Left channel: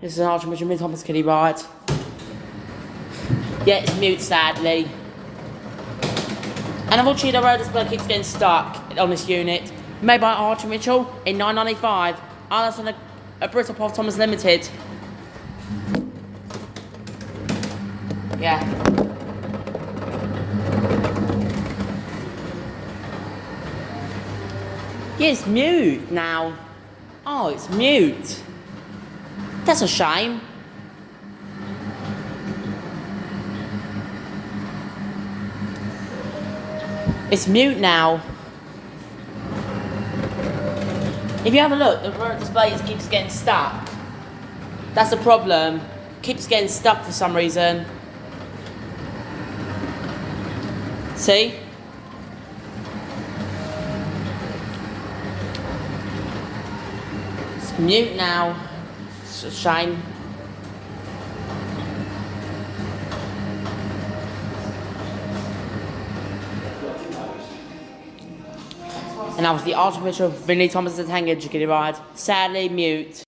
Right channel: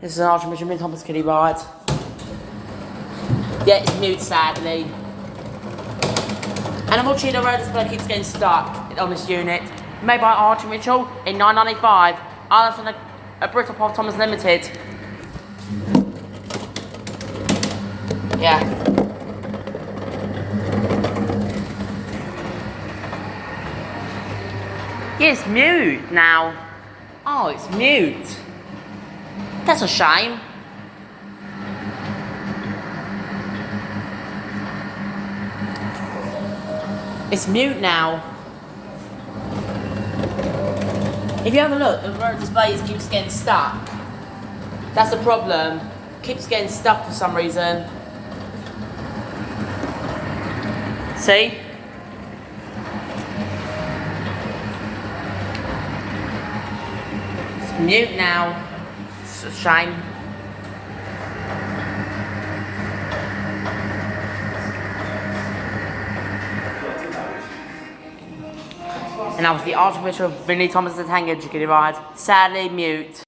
This is an Archbishop Mid Thomas Kiddie ride. Yeah, it's mute sadly. And unfortunately the road display keeps getting stuck on this unit. Made by Archie Mitchell in 995. Alice on a Bristol Paul Thomas Limited. Yeah. Yeah, it's mute now. Oh, it's mute. That's a shame. It's mute now. If you have a look, the front display keeps getting stuck. That's the problem. Keeps getting stuck for some reason. See? It's mute now. It's a shame. And that was the Archbishop Vinnie Thomas's Hangar Kiddie ride. Sadly mute.